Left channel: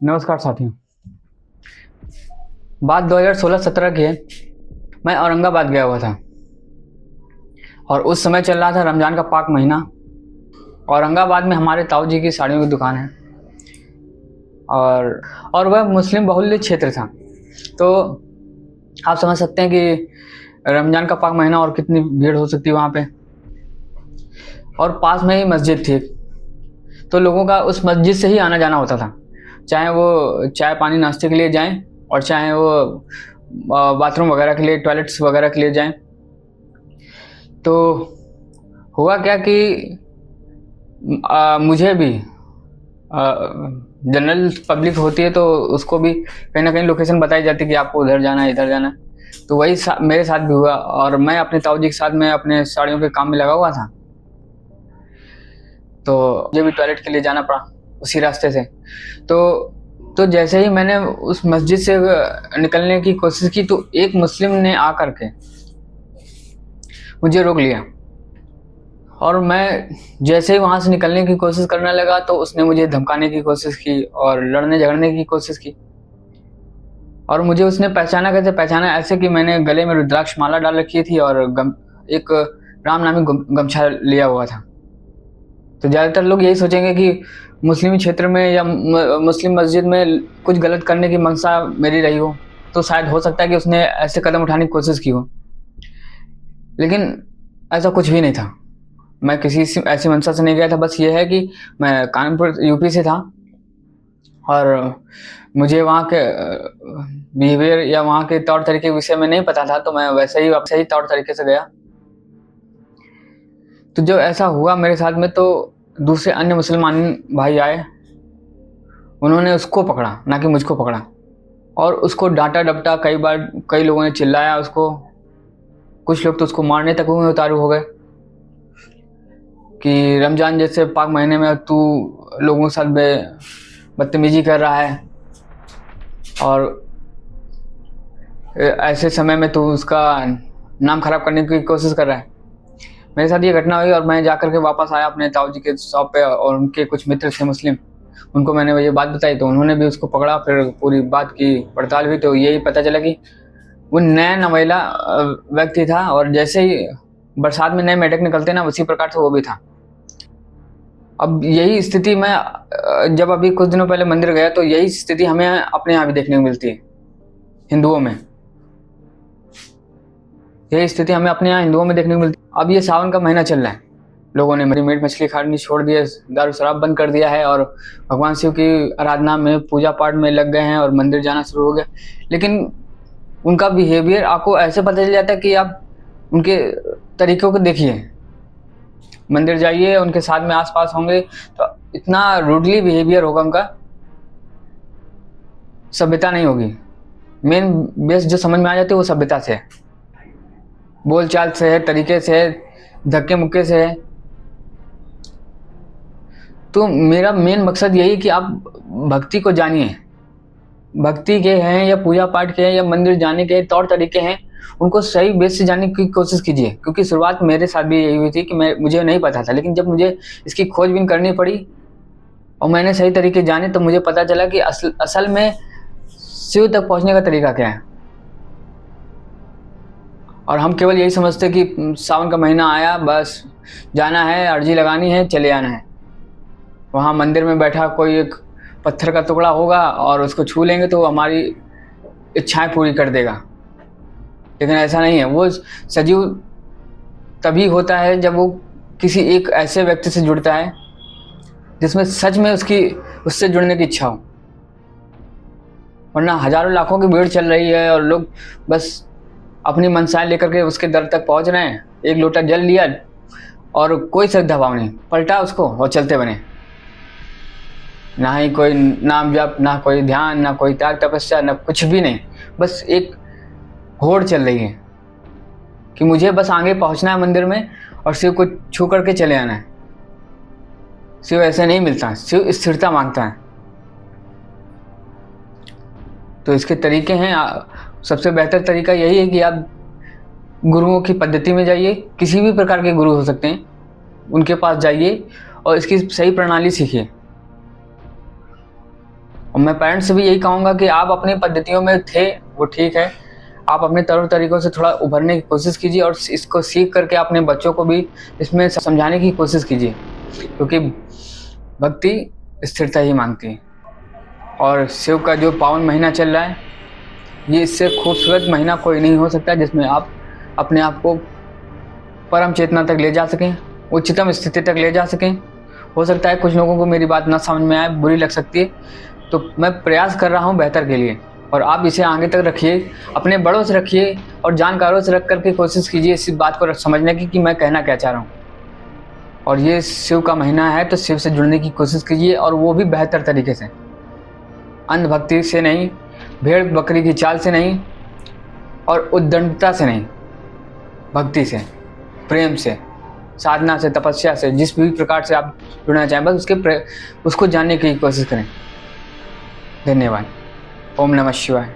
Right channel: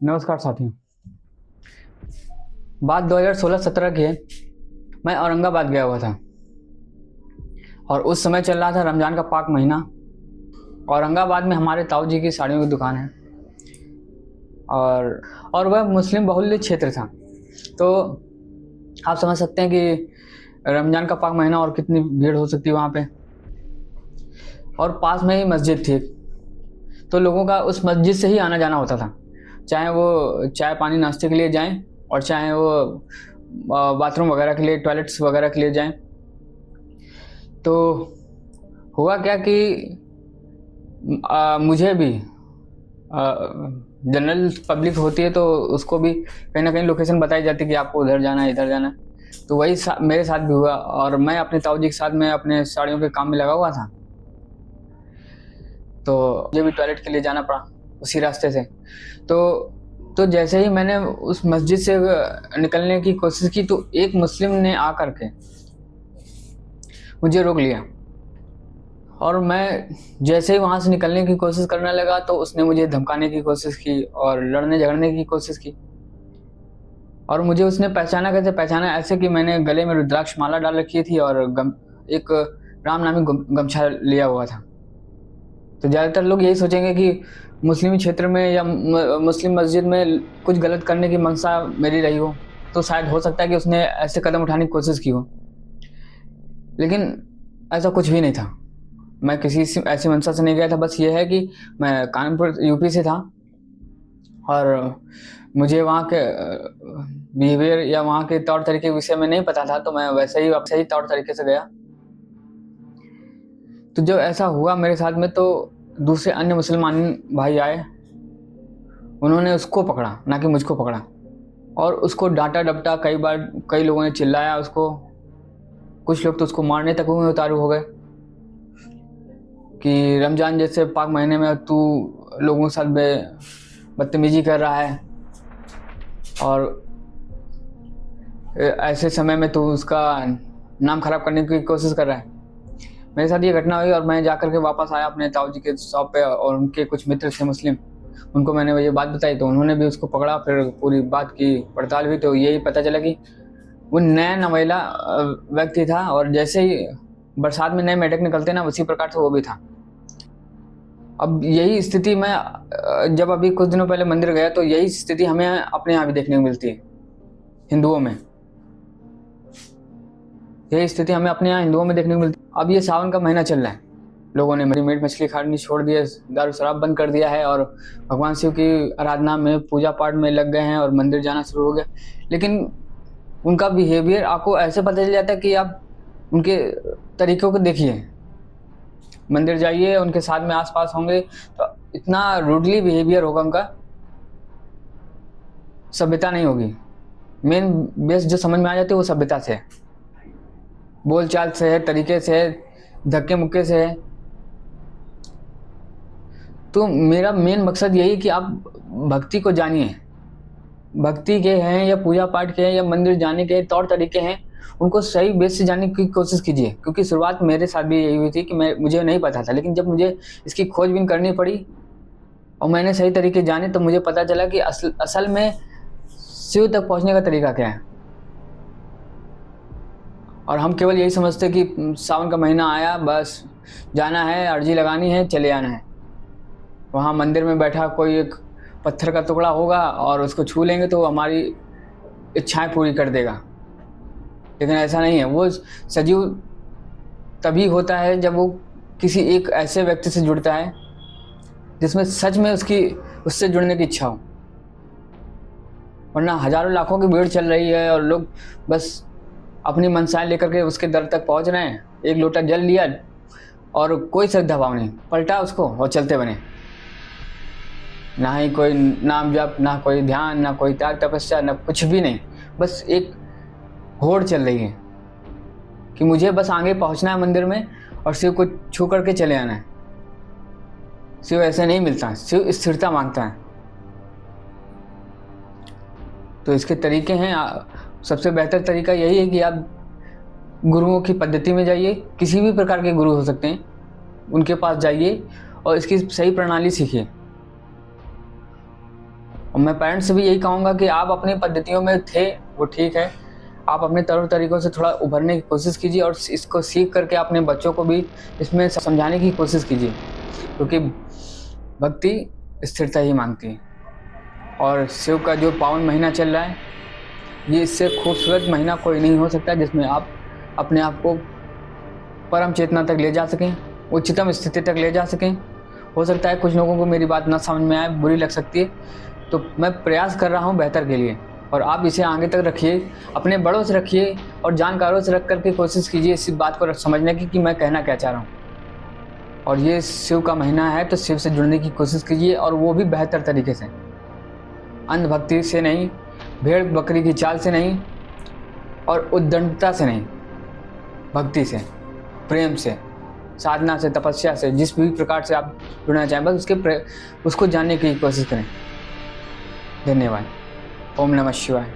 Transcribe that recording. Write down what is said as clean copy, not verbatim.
नमस्कार साथियों। बात 2016-17 की है। मैं औरंगाबाद गया हुआ था और उस समय चल रहा था रमज़ान का पाक महीना। औरंगाबाद में हमारे ताऊ जी की साड़ियों की दुकान है और वह मुस्लिम बहुल्य क्षेत्र था। तो आप समझ सकते हैं कि रमज़ान का पाक महीना और कितनी भीड़ हो सकती है वहाँ पे। और पास में ही मस्जिद थी, तो लोगों का उस मस्जिद से ही आना जाना होता था, चाहे वो चाय पानी नाश्ते के लिए जाएं और चाहे वो बाथरूम वगैरह के लिए, टॉयलेट्स वगैरह के लिए जाएं। तो हुआ क्या कि मुझे भी जनरल पब्लिक होती है तो उसको भी कहीं ना कहीं लोकेशन बताई जाती है कि आपको उधर जाना है, इधर जाना है। तो वही मेरे साथ भी हुआ और मैं अपने ताऊ जी के साथ में अपने साड़ियों के काम में लगा हुआ था। तो मुझे भी टॉयलेट के लिए जाना पड़ा उसी रास्ते से। तो जैसे ही मैंने उस मस्जिद से निकलने की कोशिश की तो एक मुस्लिम ने आकर के मुझे रोक लिया और मैं जैसे ही वहाँ से निकलने की कोशिश करने लगा तो उसने मुझे धमकाने की कोशिश की और लड़ने झगड़ने की कोशिश की। और मुझे उसने पहचाना, कैसे पहचाना, ऐसे कि मैंने गले में रुद्राक्ष माला डाल रखी थी और एक राम नामी गमछा लिया हुआ था। तो ज़्यादातर लोग यही सोचेंगे कि मुस्लिम क्षेत्र में या मुस्लिम मस्जिद में कुछ गलत करने की मंशा मेरी रही हो, तो शायद हो सकता है कि उसने ऐसे कदम उठाने की कोशिश की हो। लेकिन ऐसा कुछ भी नहीं था। मैं किसी ऐसी मंशा से नहीं गया था। बस ये है कि मैं कानपुर यूपी से था और मुझे वहाँ के बिहेवियर या वहाँ के तौर तरीके के विषय में नहीं पता था, तो मैं वैसे ही तौर तरीके से गया। तो जब ऐसा हुआ मेरे साथ में तो दूसरे अन्य मुसलमान भाई आए, उन्होंने उसको पकड़ा, ना कि मुझको पकड़ा, और उसको डांटा डपटा कई बार। कई लोगों ने चिल्लाया उसको, कुछ लोग तो उसको मारने तक हुए उतारू हो गए कि रमजान जैसे पाक महीने में तू लोगों के साथ बदतमीजी कर रहा है और ऐसे समय में तू उसका नाम खराब करने की कोशिश कर रहा है। मेरे साथ ये घटना हुई और मैं जाकर के वापस आया अपने ताऊ जी के शॉप पे और उनके कुछ मित्र थे मुस्लिम, उनको मैंने ये बात बताई तो उन्होंने भी उसको पकड़ा। फिर पूरी बात की पड़ताल हुई तो यही पता चला कि वो नया नवेला व्यक्ति था और जैसे ही बरसात में नए मेढक निकलते ना, उसी प्रकार से वो भी था। अब यही स्थिति मैं जब अभी कुछ दिनों पहले मंदिर गया तो यही स्थिति हमें अपने यहाँ भी देखने को मिलती है हिंदुओं में। यही स्थिति हमें अपने यहाँ हिंदुओं में देखने को मिलती है। अब ये सावन का महीना चल रहा है, लोगों ने मीट मछली खानी छोड़ दिए, दारू शराब बंद कर दिया है और भगवान शिव की आराधना में, पूजा पाठ में लग गए हैं और मंदिर जाना शुरू हो गया। लेकिन उनका बिहेवियर आपको ऐसे पता चल जाता है कि आप उनके तरीकों को देखिए। मंदिर जाइए, उनके साथ में आसपास होंगे तो इतना रूडली बिहेवियर होगा उनका, सभ्यता नहीं होगी। मेन बेस जो समझ में आ जाती है वो सभ्यता से है, बोल चाल से है, तरीके से है, धक्के मुक्के से है। तो मेरा मेन मकसद यही कि आप भक्ति को जानिए। भक्ति के हैं या पूजा पाठ के हैं या मंदिर जाने के तौर तरीके हैं, उनको सही बेस से जानने की कोशिश कीजिए। क्योंकि शुरुआत मेरे साथ भी यही हुई थी कि मुझे नहीं पता था, लेकिन जब मुझे इसकी खोजबीन करनी पड़ी और मैंने सही तरीके जाने तो मुझे पता चला कि असल में शिव तक पहुंचने का तरीका क्या है। और हम केवल यही समझते कि सावन का महीना आया, बस जाना है, अर्जी लगानी है, चले आना है। वहाँ मंदिर में बैठा कोई एक पत्थर का टुकड़ा होगा और उसको छू लेंगे तो हमारी इच्छाएं पूरी कर देगा। लेकिन ऐसा नहीं है। वो सजीव तभी होता है जब वो किसी एक ऐसे व्यक्ति से जुड़ता है जिसमें सच में उससे जुड़ने की इच्छा हो। वरना हजारों लाखों की भीड़ चल रही है और लोग बस अपनी मनसाएं लेकर के उसके दर तक पहुंच रहे हैं। एक लोटा जल लिया और कोई श्रद्धा भाव नहीं, पलटा उसको और चलते बने। ना ही कोई नाम जप, ना कोई ध्यान, ना कोई त्याग तपस्या, ना कुछ भी नहीं। बस एक होड़ चल रही है कि मुझे बस आगे पहुंचना है मंदिर में और शिव को छू करके चले आना है। शिव ऐसे नहीं मिलता, शिव स्थिरता मांगता है। तो इसके तरीके हैं। सबसे बेहतर तरीका यही है कि आप गुरुओं की पद्धति में जाइए। किसी भी प्रकार के गुरु हो सकते हैं, उनके पास जाइए और इसकी सही प्रणाली सीखिए। और मैं पेरेंट्स से भी यही कहूँगा कि आप अपनी पद्धतियों में थे वो ठीक है, आप अपने तौर तरीकों से थोड़ा उभरने की कोशिश कीजिए और इसको सीख करके अपने बच्चों को भी इसमें समझाने की कोशिश कीजिए, क्योंकि भक्ति स्थिरता ही मांगती है। और शिव का जो पावन महीना चल रहा है, ये इससे खूबसूरत महीना कोई नहीं हो सकता जिसमें आप अपने आप को परम चेतना तक ले जा सकें, उच्चतम स्थिति तक ले जा सकें। हो सकता है कुछ लोगों को मेरी बात ना समझ में आए, बुरी लग सकती है, तो मैं प्रयास कर रहा हूँ बेहतर के लिए, और आप इसे आगे तक रखिए, अपने बड़ों से रखिए और जानकारों से रख करके कोशिश कीजिए इस बात को समझने की कि मैं कहना क्या चाह रहा हूँ। और ये शिव का महीना है तो शिव से जुड़ने की कोशिश कीजिए, और वो भी बेहतर तरीके से, अंधभक्ति से नहीं, भेड़ बकरी की चाल से नहीं, और उद्दंडता से नहीं, भक्ति से, प्रेम से, साधना से, तपस्या से, जिस भी प्रकार से आप जुड़ना चाहें, बस उसको जानने की कोशिश करें। धन्यवाद। ओम नमः शिवाय।